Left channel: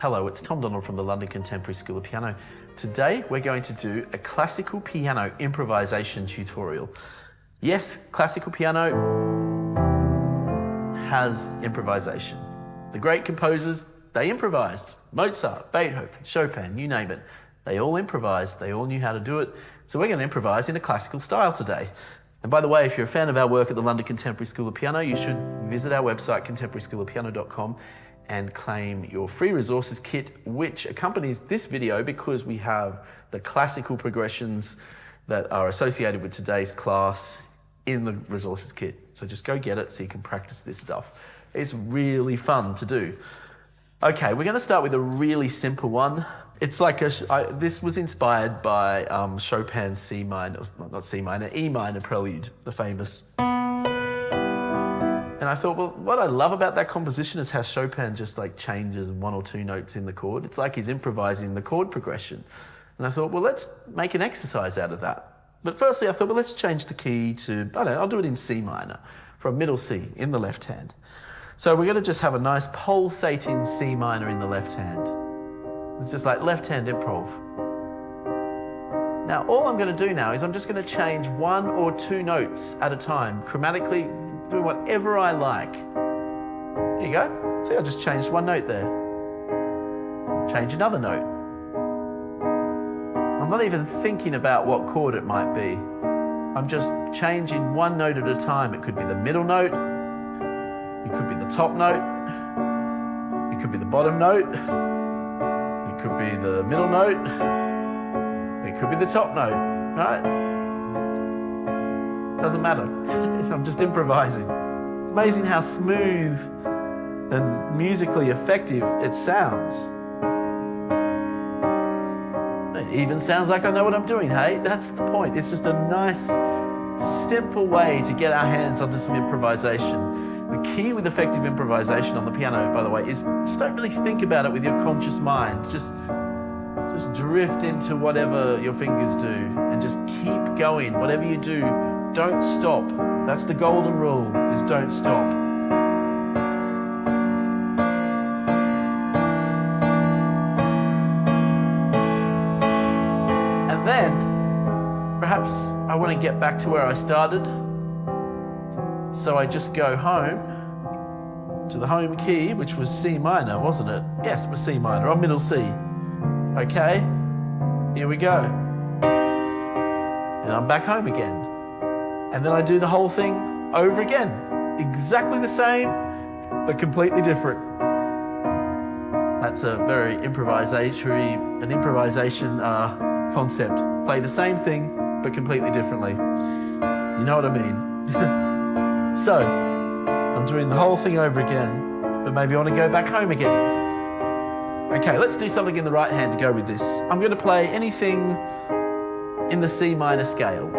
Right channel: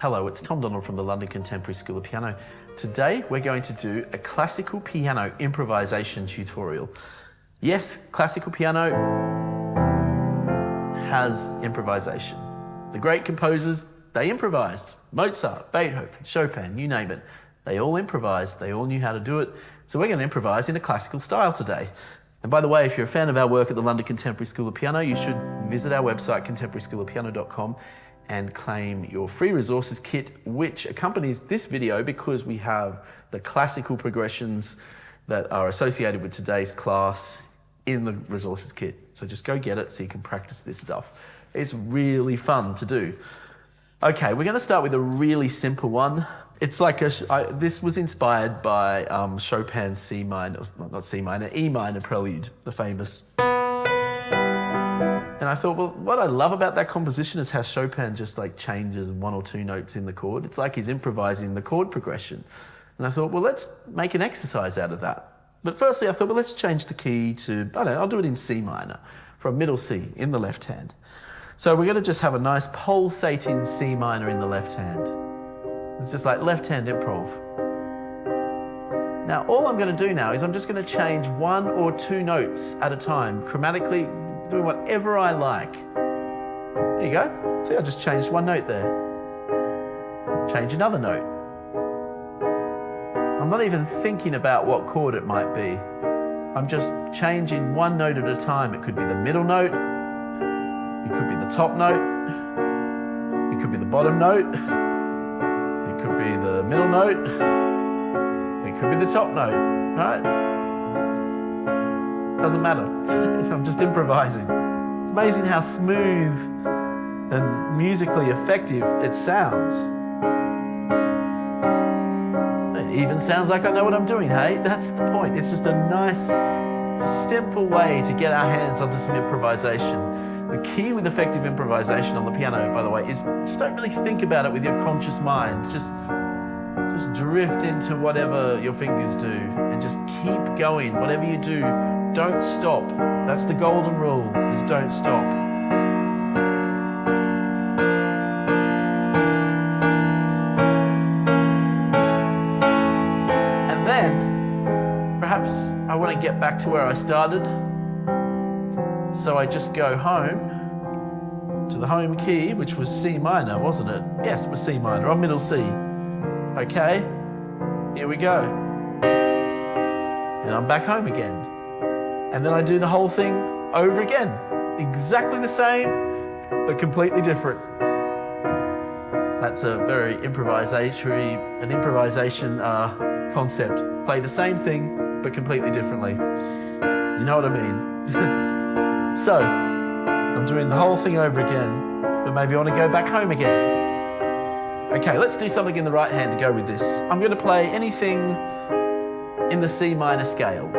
Hello, it's Tom Donald from the London Contemporary School of Piano. Today we're going to do a classical piano improvisation tutorial. Yes, classical piano has improvisation. The great composers, they improvised. Mozart, Beethoven, Chopin, you name it. They all improvised, they all knew how to do it. So we're going to improvise in a classical style today. And by the way, if you're a fan of our work at the London Contemporary School of Piano, you should visit our website, contemporaryschoolofpiano.com, and claim your free resources kit, which accompanies this video because we have the classical progressions that are associated with today's class in the resources kit. So just go get it so you can practice this stuff. It's really fun to do. Okay, we're going to start with a really simple one. It's like this was inspired by Chopin's E minor prelude, the famous. And I thought, well, what I love about that composition is how Chopin just like changes one or two notes in the chord. It's like he's improvising the chord progression. And I thought, well, let's make an exercise out of that. But firstly, I thought, well, let's change the key to, I don't know, I'll do it in C minor, from middle C in the left hand. So we're going to just have a nice pulsating C minor in the left hand. It's just like left hand improv. Now, all I'm going to do now is I'm just going to change one or two notes at a time, chromatically, doing whatever I like. There you go. See, I just changed one note there. Change another note. I'm not even thinking about what chord it might be. I'm just changing one note at a time. It could be the middle note. It could be the top note. It could be the bottom note. It could be the middle note. It could be the top note, right? Doesn't matter. I'm just improvising. It's amazing how smooth and musically effective it sounds. It even sounds like I know what I'm doing, hey? That's the point. It's just a nice, simple way to get our hands onto some improvisation. The key with effective improvisation on the piano, by the way, is just don't really think about it with your conscious mind. Just drift into whatever your fingers do and just keep going. Whatever you do, don't stop. That's the golden rule, is don't stop. And then, perhaps I want to get back to where I started. So I just go home to the home key, which was C minor, wasn't it? Yes, it was C minor, on middle C. Okay, here we go. And I'm back home again. And then I do the whole thing over again. Exactly the same, but completely different. That's a very an improvisation concept. Play the same thing, but completely differently. You know what I mean? So, I'm doing the whole thing over again, but maybe I want to go back home again. Okay, let's do something in the right hand to go with this. I'm going to play anything in the C minor scale.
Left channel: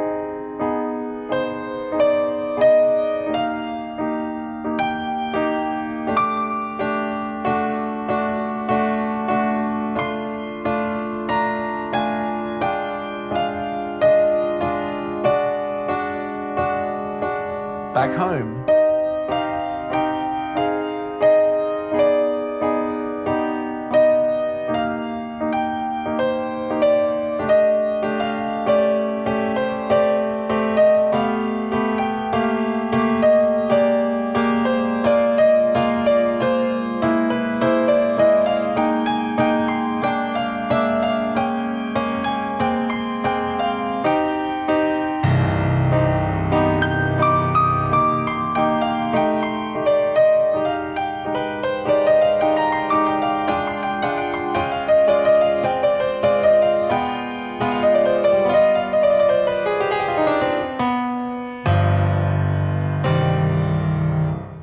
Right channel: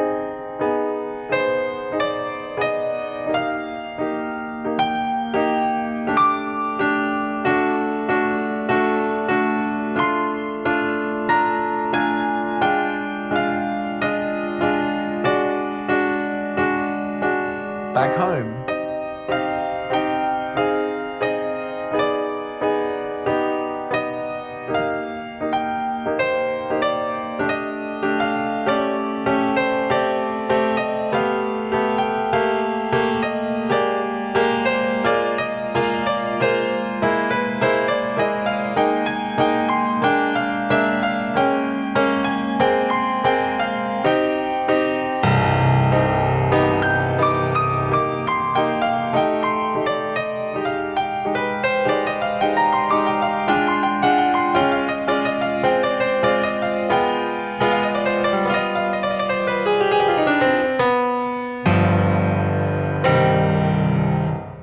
Back home.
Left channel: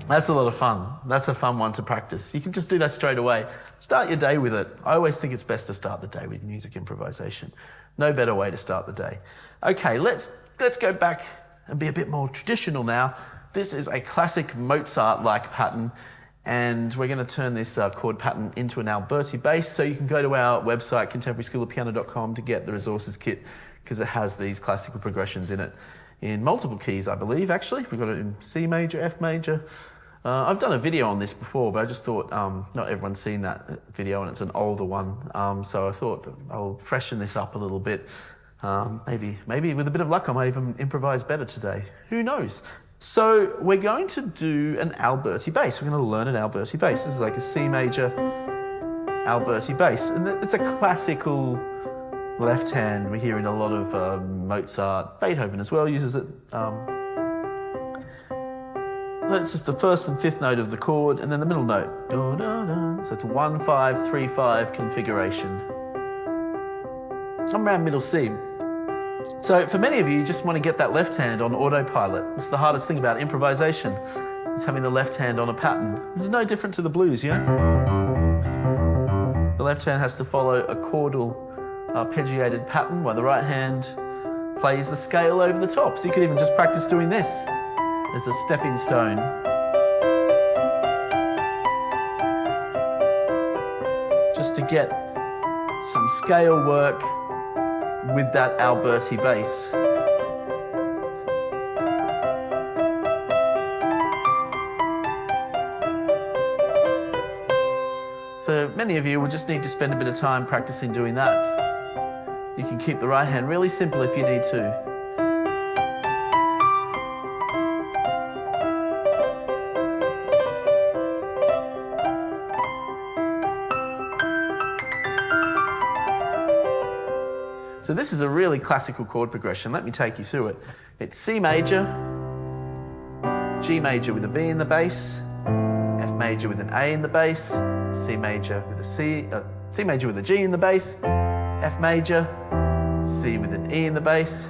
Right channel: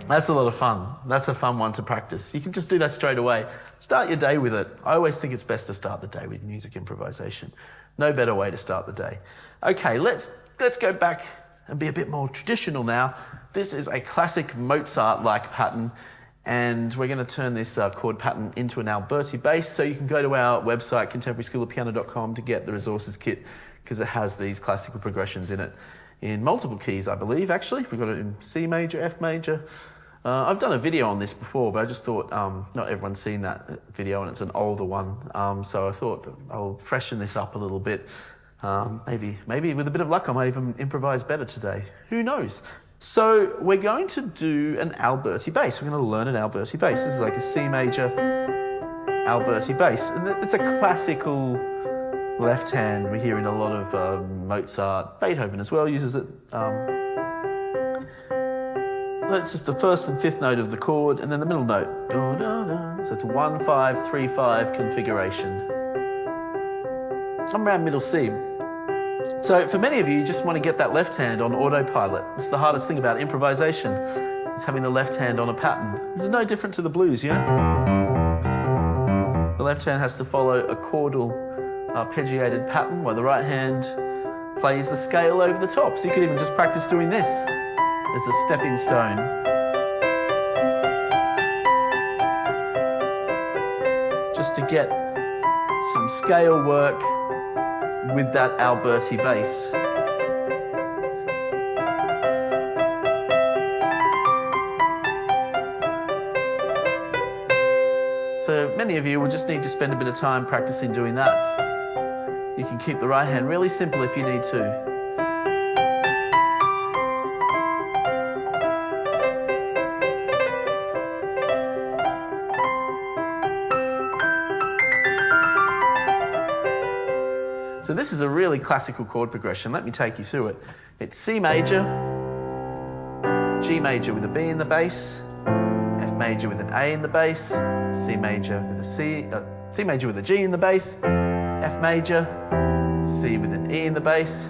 That's a lot of fun. That's a fun one to practice. You can just do that straight away. Start your day with it. I always think it's best to start the day with music improvisation. No better way to start the day. Okay, let's go back and be a bit more traditional now. This is a classic Mozart-like pattern, and we're going to turn this chord pattern into an alberti bass. So you can go to our website, contemporaryschoolofpiano.com, to get the resources kit, because it has these classical progressions in it in multiple keys, I believe, actually. We've got it in C major, F major, I've done a video on this before, but I just thought not everyone's seen that video, and it's an older one. So I thought I'll freshen this up a little bit. Maybe with a bit of luck, I might even improvise better today. Who knows? So we're going to do an alberti bass. We're going to learn an alberti bass. This is like a C major alberti bass, and it's a classical left hand. We hear in a lot of Mozart, Beethoven as well uses it. So it's just the first and fifth note of the chord, and then the middle note. So it's a 1-5-3-5 configuration. I'm around middle C. So for many of you just want to get that left hand on autopilot. It's the hardest thing about improvisation, is having the left hand on a pattern. This is no different to the blues, yeah? The left hand has to follow a chordal arpeggiated pattern, while the right hand plays the scale over the top. So you could even just practice doing this as a stepping stone. Just to get some scale work with that alberti bass. So many of you will just need to spend a bit of time practicing doing that. You can keep the right hand really simple if you need to. So this is a really classical chord progression. Let me take you through it. It's C major, G major with a B in the bass, F major with an A in the bass, C major with a C major with a G in the bass, F major, C with an E in the bass,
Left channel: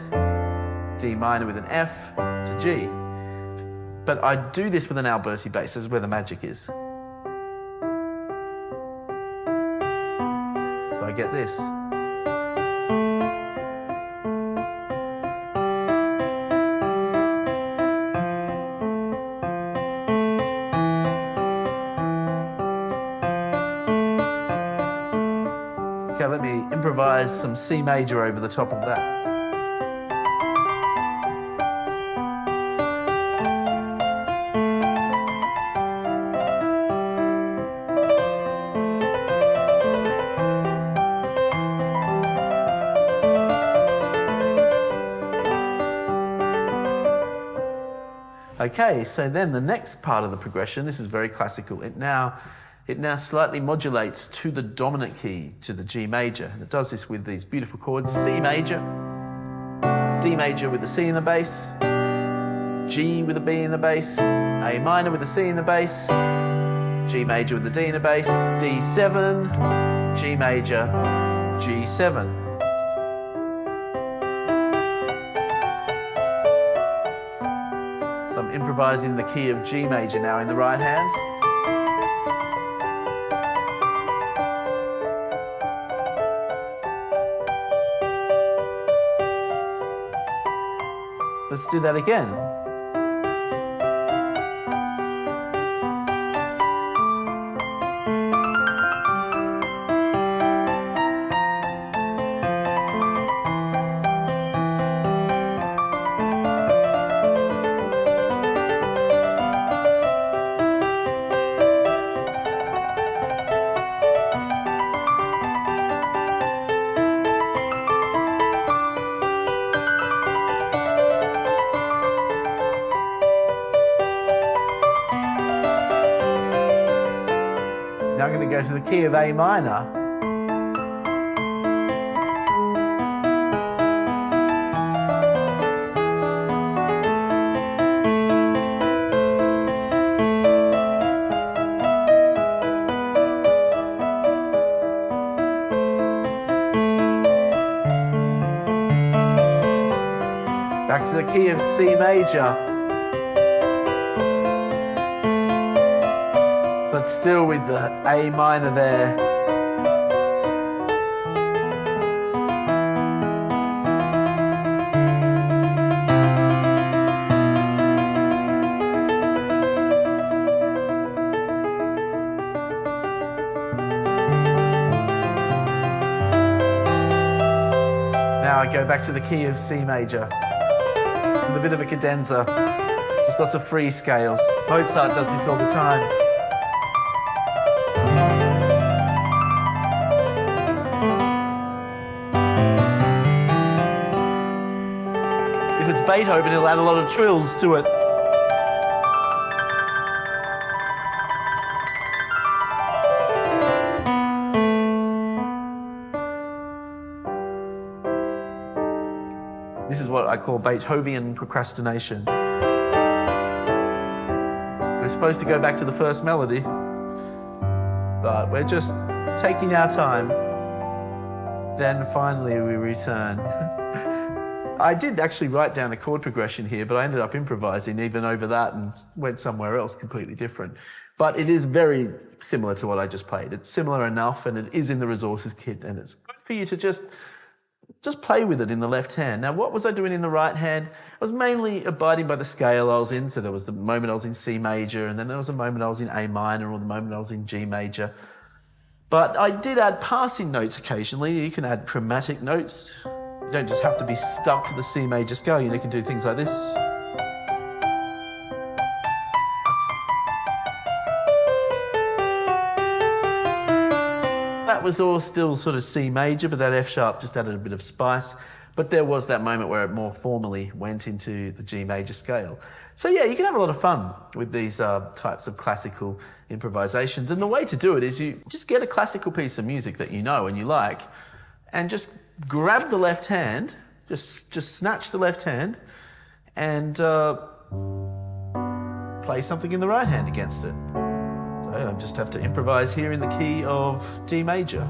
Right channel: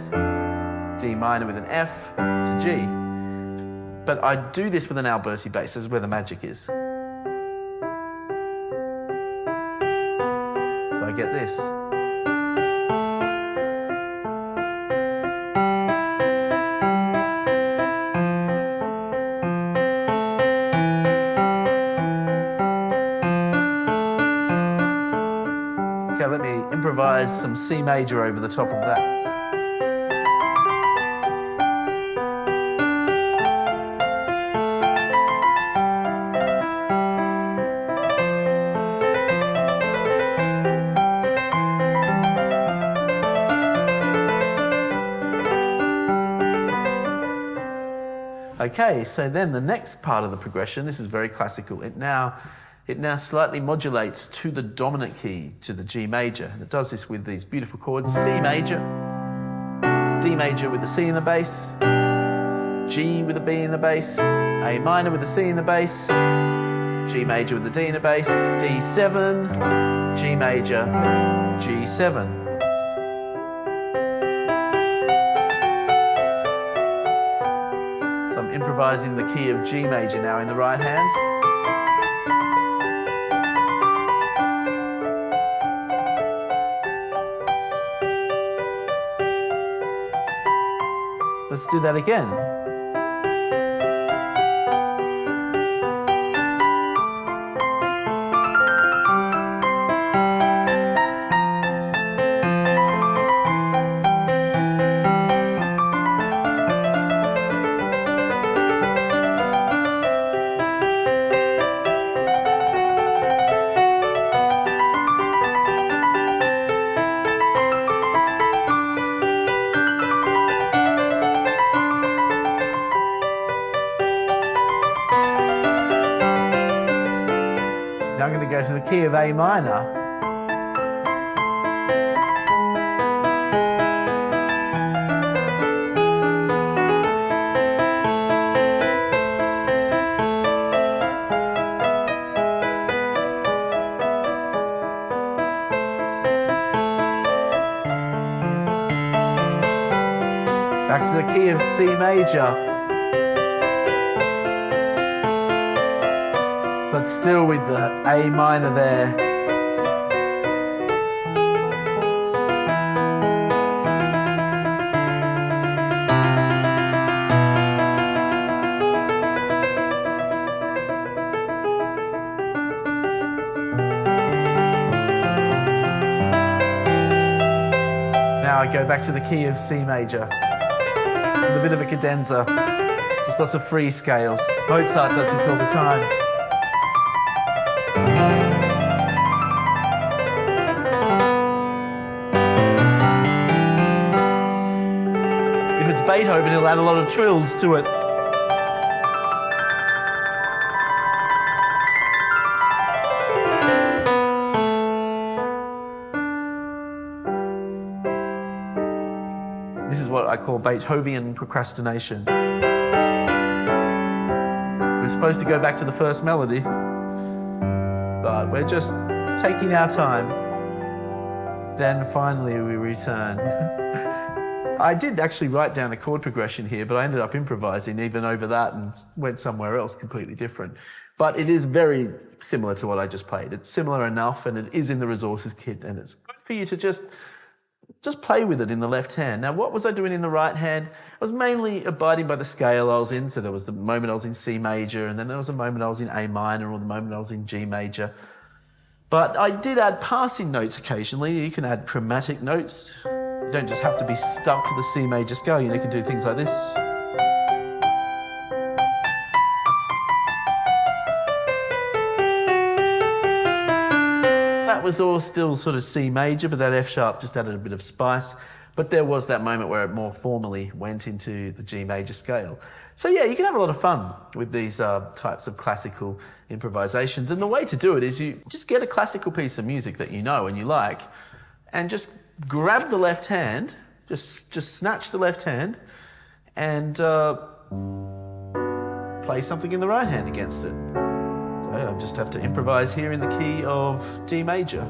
D minor with an F to G. But I do this with an alberti bass. This is where the magic is. So I get this. Okay, let me improvise some C major over the top of that. Okay, so then the next part of the progression, this is very classical. It now slightly modulates to the dominant key, to the G major. And it does this with these beautiful chords: C major, D major with the C in the bass, G with a B in the bass, A minor with the C in the bass, G major with the D in the bass, D7, G major, G7. So I'm improvising the key of G major now in the right hand. Let's do that again. Now I'm going to go to the key of A minor. Back to the key of C major. But still with the A minor there. Now I go back to the key of C major with a bit of a cadenza. Just lots of free scales. Mozart does this all the time. If it's Beethoven, he'll add a lot of trills to it. This is what I call Beethovenian procrastination. We're supposed to go back to the first melody, but we're just taking our time. Then finally we return. I did actually write down a chord progression here, but I ended up improvising even over that and went somewhere else completely different. But it is very similar to what I just played. It's similar enough, and it is in the resources kit, and it's good for you to just play with it in the left hand. Now, what was I doing in the right hand? I was mainly abiding by the scale I was in. So there was the moment I was in C major, and then there was a moment I was in A minor, or the moment I was in G major. But I did add passing notes occasionally. You can add chromatic notes. You don't just have to be stuck to the C major scale. You can do things like this. That was all still sort of C major, but that F sharp just added a bit of spice. But there was that moment where it more formally went into the G major scale. So yeah, you can have a lot of fun with these types of classical improvisations. And the way to do it is you just get a classical piece of music that you know and you like, and just grab the left hand, just snatch the left hand, and play something in the right hand against it. So I just have to improvise here in the key of D major.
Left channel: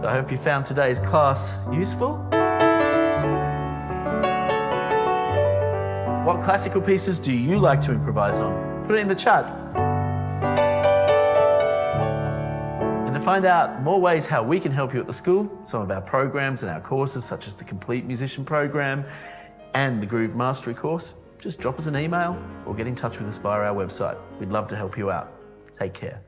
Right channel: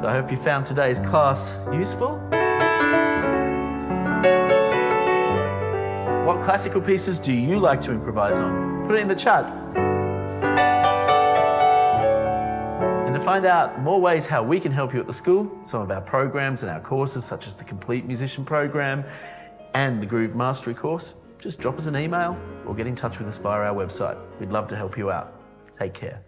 So I hope you found today's class useful. What classical pieces do you like to improvise on? Put it in the chat. And to find out more ways how we can help you at the school, some of our programs and our courses, such as the Complete Musician Program and the Groove Mastery course, just drop us an email or get in touch with us via our website. We'd love to help you out. Take care.